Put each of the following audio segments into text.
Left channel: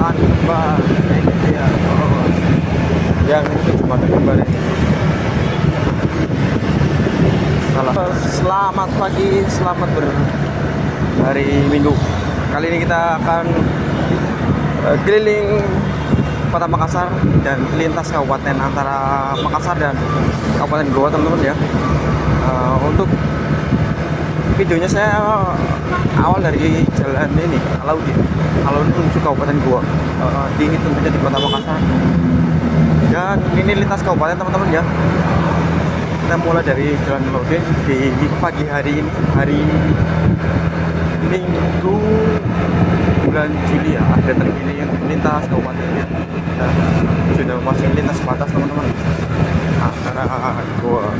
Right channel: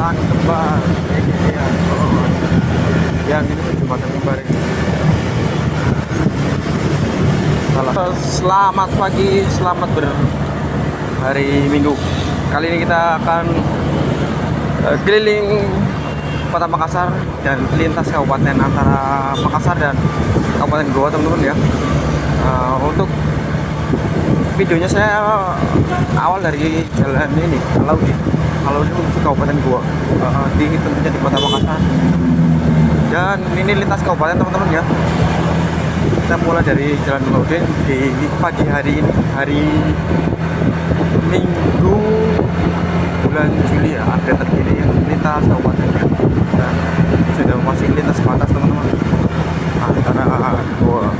Kembar ini dia. Oh, yang ini tuh jembatan kembar ini. Selamat pagi, selamat berhari Minggu. Kali ini kita akan keliling Kota Makassar dan lintas kabupaten antara Makassar dan Kabupaten Goa, teman-teman ya. Untuk videonya saya awal dari jalan ini Alaudin menuju Kabupaten Goa, tentunya di Kota Makassar. Dan ini lintas kabupaten, teman-teman ya. Kita mulai dari Jalan Alaudin di pagi hari ini, hari Minggu bulan Juli ya, ada terpilih yang lintas kabupatennya. Dan sudah masih lintas batas, teman-teman, antara Goa.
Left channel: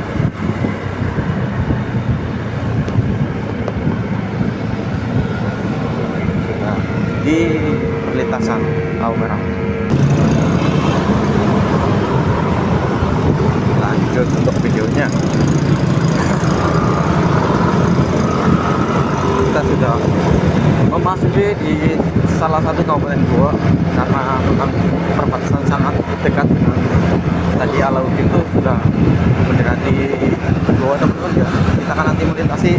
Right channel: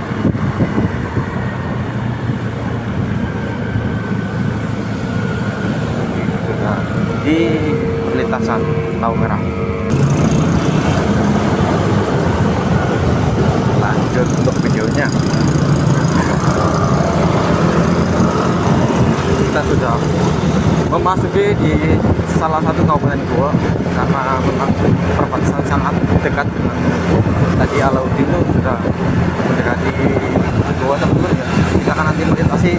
Sudah di perlintasan Lau Merah. Lanjut untuk videonya. Kita sudah memasuki di salah satu kabupaten Goa karena memang perbatasan sangat dekat dengan tadi Alaudin itu sudah mendekati Goa, teman-teman ya. Kita akan nanti melintasi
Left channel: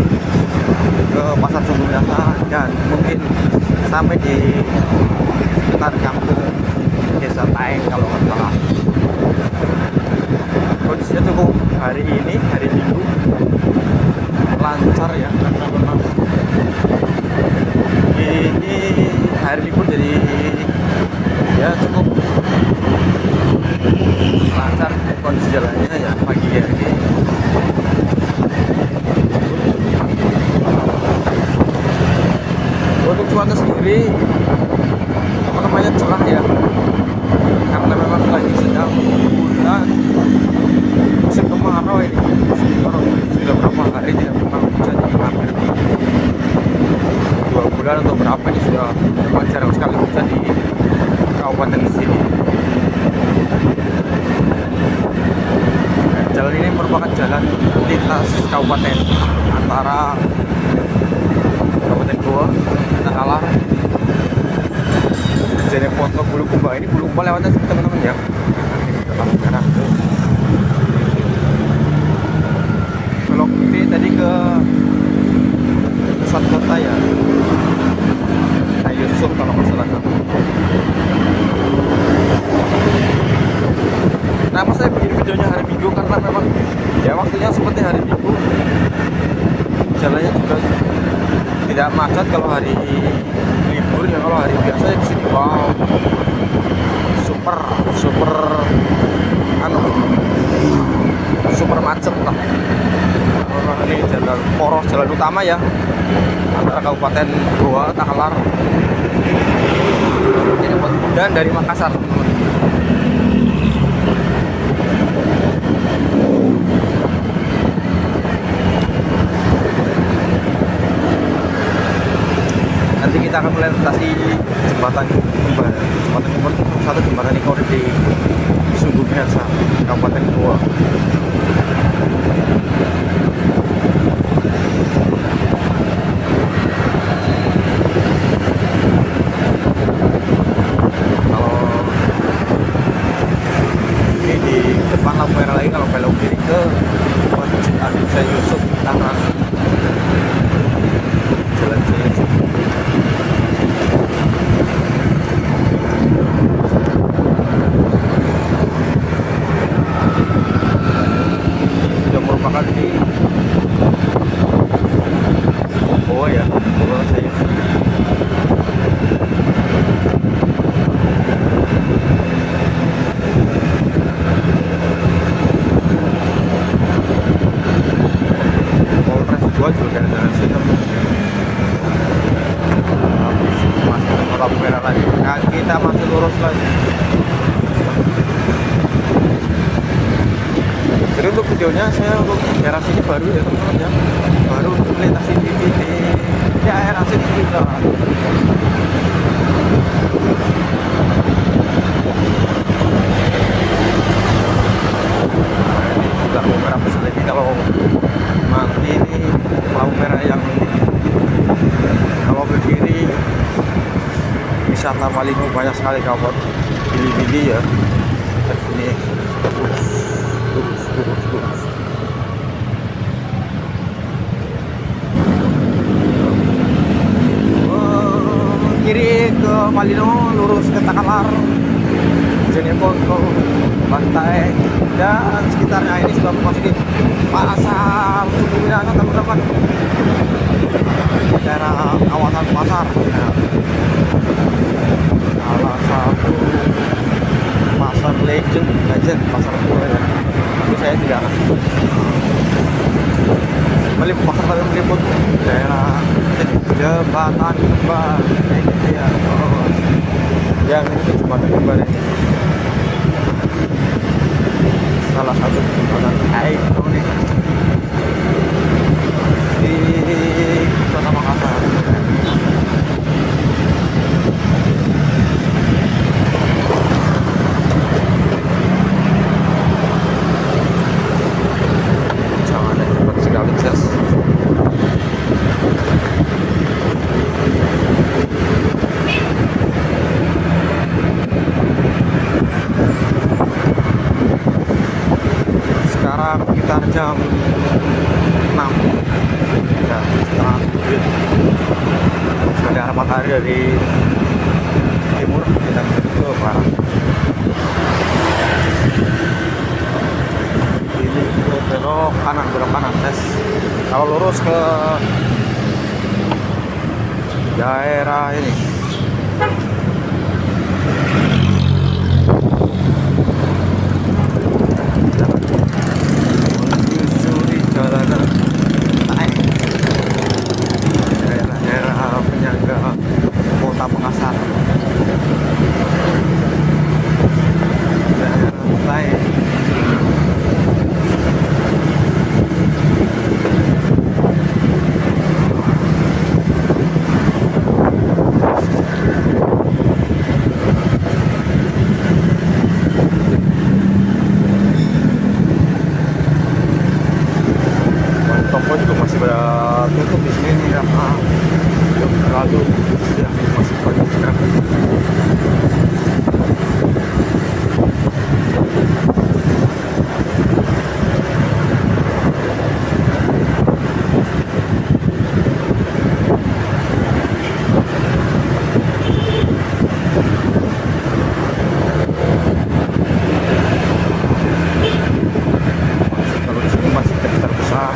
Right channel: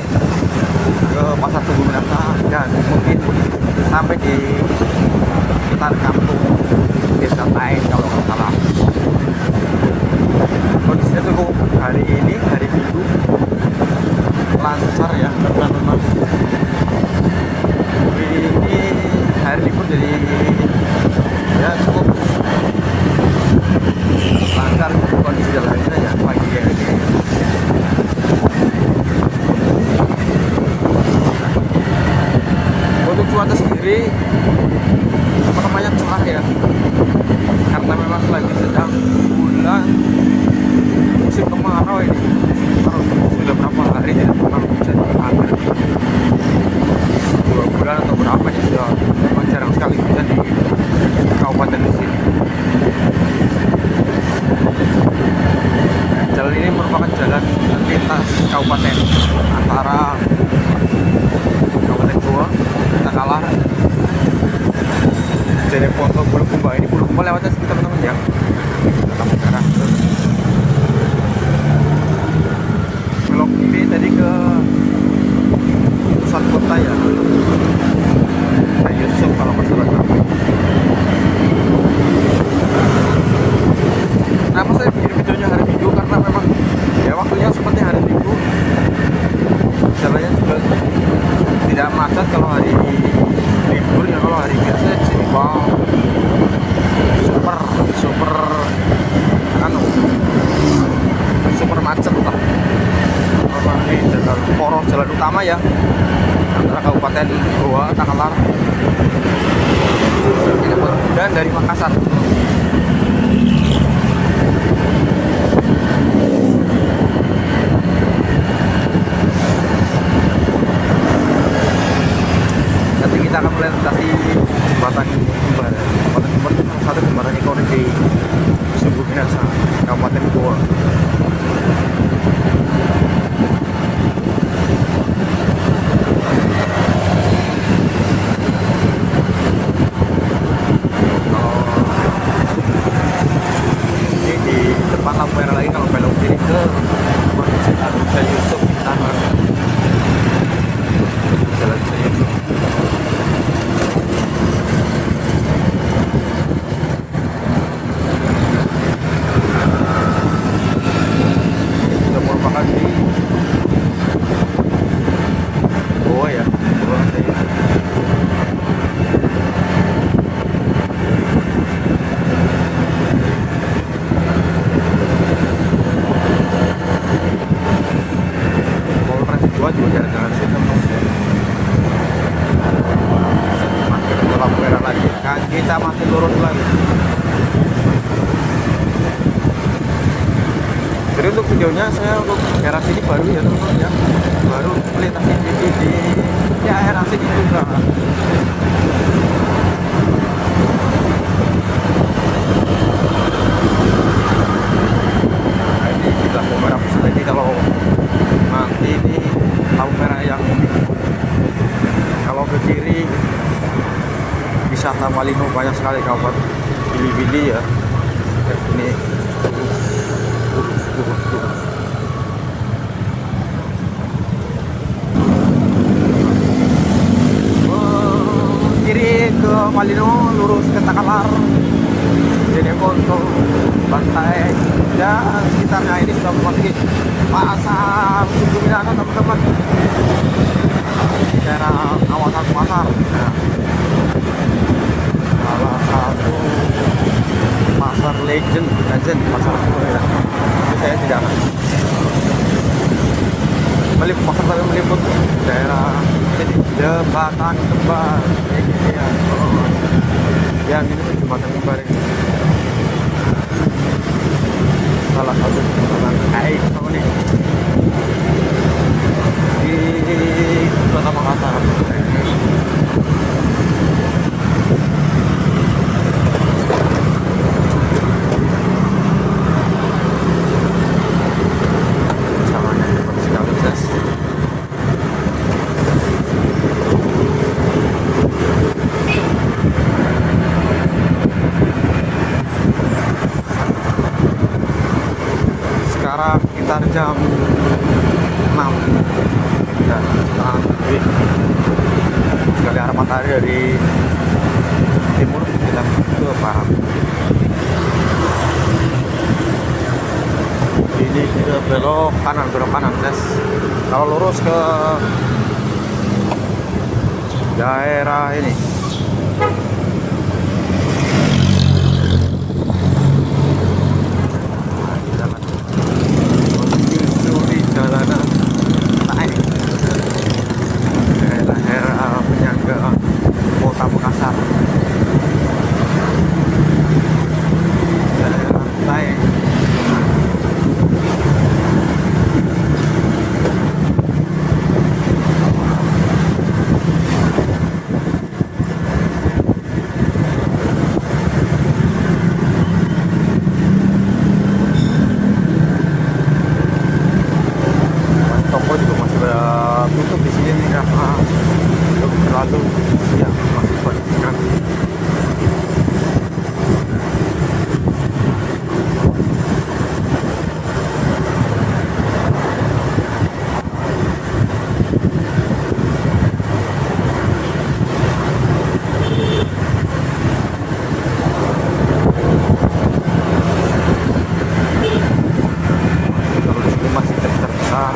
ke Pasar Tugu Minasa dan mungkin sampai di sekitar kampung Desa Taeng kalau nggak salah. Kondisinya cukup hari ini, hari Minggu, lancar ya, karena memang ini hari libur, jadi ya cukup lancar kondisi jalannya ya pagi hari ini. Untuk cuaca sendiri apa namanya cerah ya, karena memang lagi sedang bulan musim kemarau ini. Sudah berapa hari tidak pernah hujan, hampir 2 bulan atau berapa ini sudah memang jarang sekali hujan di kabupaten sini. Jalan ini merupakan jalan lintas kabupaten antara Kabupaten Goa, Takalar, Jeneponto, Bulukumba. Ini Bulukumba lewatnya sini, teman-teman ya. Nah, ini sudah lampu merah tuh. Belok kiri tadi ke pusat kota ya, Yusuf kalau nggak salah. Kenapa saya bikin videonya hari Minggu? Karena memang ya waktunya seperti hari Minggu, jalannya juga tidak macet kalau hari libur ya. Kalau hari biasa di sini wow, super macet lah. Kalau ini jalan poros, jalan utama ya antara Kabupaten Goa, Takalar dan dari Makassar. Nanti kita akan melintasi jembatan kembar. Jembatan kembar itu salah satu jembatan ikonik di Sungguh Minasa, Kabupaten Goa. Kalau ini di depan lampu merah lagi, kalau belok kiri ke Masjid Agung Syekh Yusuf Tangerang. Jalan Syekh Yusuf. Sudah merupakan di Goa ya, Goa Syekh Yusuf. Polres Goa juga jalan-jalan sih, teman-teman ya. Masih ketemu lampu merah lagi. Nah, kita masih lurus lagi. Jadi untuk videonya saya untuk daerah sini baru ya, teman-teman ya. Baru untuk melintasi di daerah sini juga. Nah, ini di lampu merah besar ini, kalau nanti ini lampu merah yang ini, kalau ke kiri wisata Malino banyak sekali kawan. Bili-bili ya. Ini lurus. Kiri ke Malino, lurus ke Takalar, Jenepon ke Bantai dan sekitarnya. Ini sudah memasuki pasar Suku Minanga teman-teman. Daerah kawasan pasar ya. Salah satu pasar legend pasar tua ya, tapi saya tidak akan meliput pasar, tapi meliput daerah jadi jembatan kembar ya. Yang ini tuh jembatan kembar ini, salah satu jembatan itu nih di Kota Makassar. Sangatnya hebat sekali, Jas. Sekarang sekitar jam 6 dan setengah 7 sekali arah matahari dari timur kita ke barat. Ini sudah belok kanan tes. Kalau lurus ke daerah ini jalanan naik daerah penyangga Kota Makassar, daerah naik. Toko juga masih pada tutup di sini nih karena belum terlalu siang, masih pagi sekali. Kalau di sini masih terbesar.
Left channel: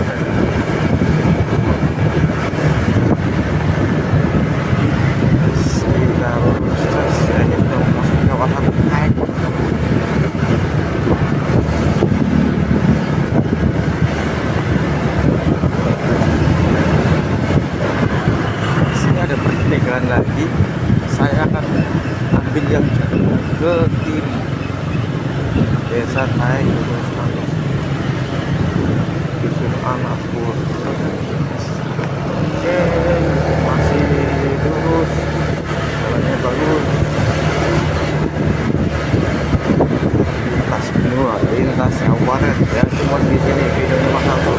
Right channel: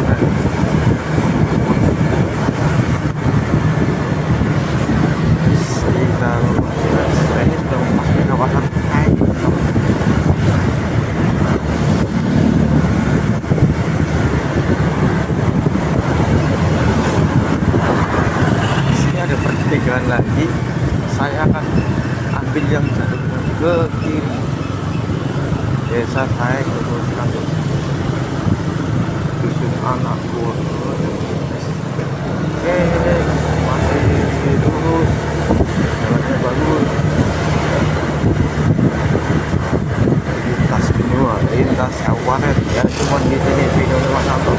Kita lurus terus, ini sudah memasuki kawasan naik. Di sini ada pertigaan lagi. Saya akan ambil yang jalurnya ke kiri. Desa Taik lurus langsung. Dusun Anak Buah. Oke, masih lurus. Jalannya bagus. Lintas benua, lintas kabupaten ya, cuma di sini videonya Mas Santo.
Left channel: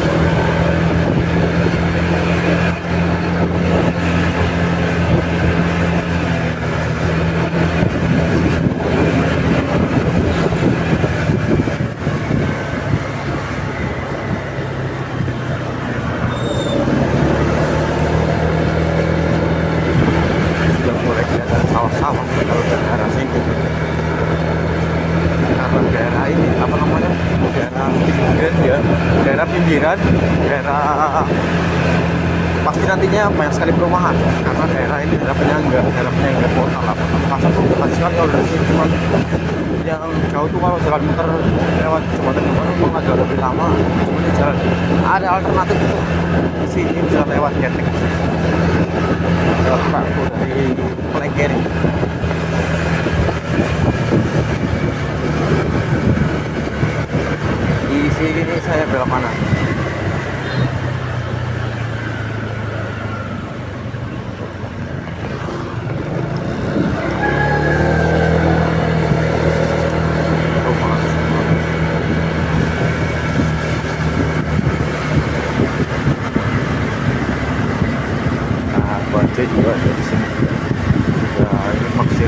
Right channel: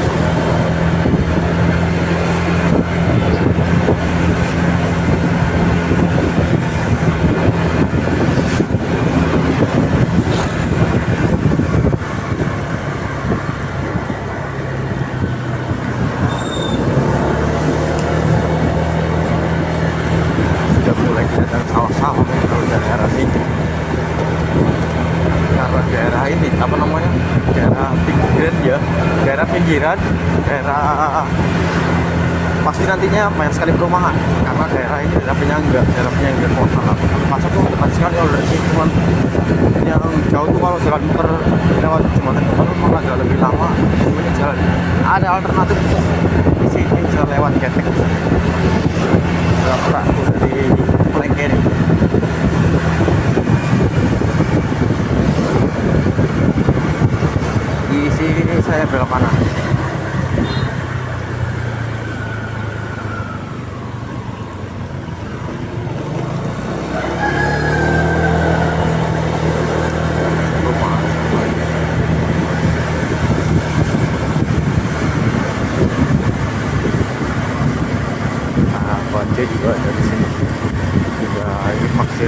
Sawah-sawah kalau daerah sini, karena daerah ini apa namanya, daerah pinggiran ya, daerah pasti nantinya banyak sekali perumahan karena daerah ini daerah penyangga kota lah. Kota Makassar tuh dekat sekali kalau dari sini, cuman yang jauh tuh kalau jalan muter lewat jembatan kembar memang agak lebih lama. Semuanya jalan ada alternatif tuh di sini, bisa lewat Getek, perahu dari Pelengke ini. Di sini saya belok kanan. Baca juga ada di sini. Juga ini maksir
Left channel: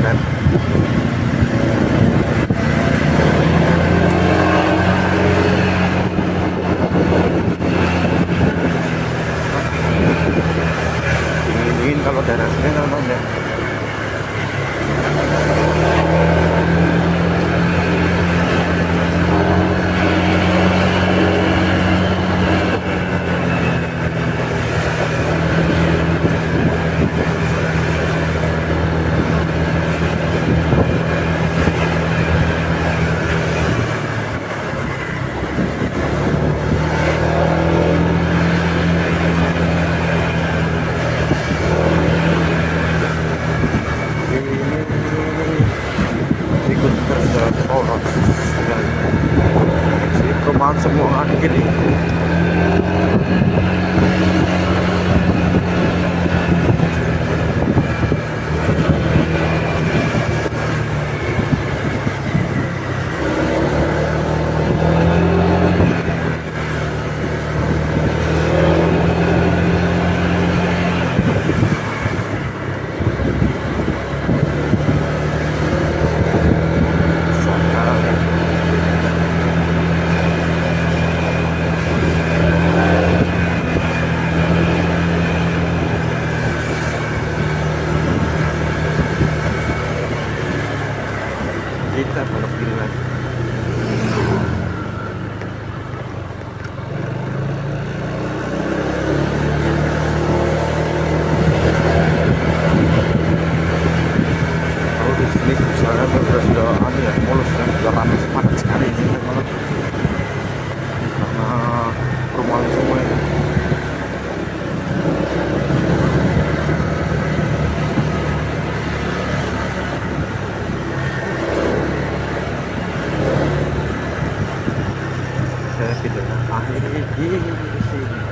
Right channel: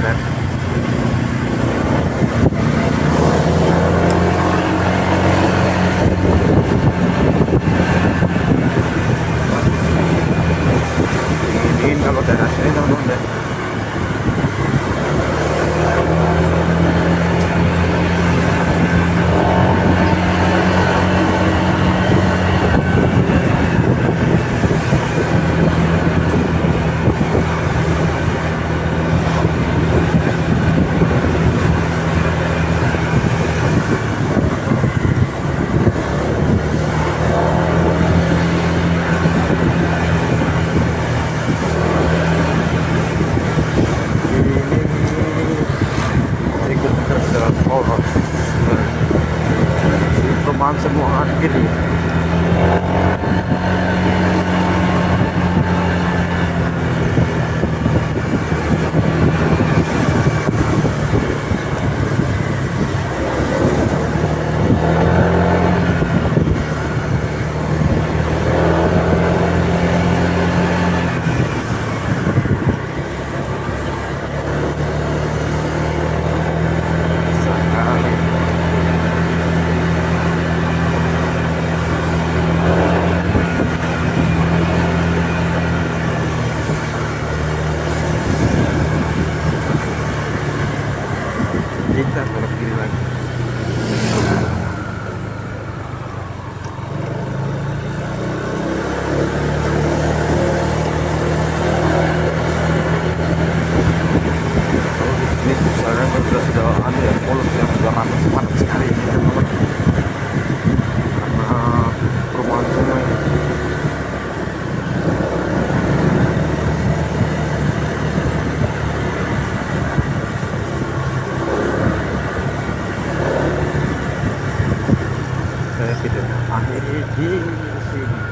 benar-benar jalan poros dan si perumahan semua gini. Sekali kita belok kiri lagi. Kalau di sini misalnya sudah ada ya mulus yang sudah ramai padat sekali ini teman-teman, karena perumahan semua ini. Saya videonya akhiri di sini.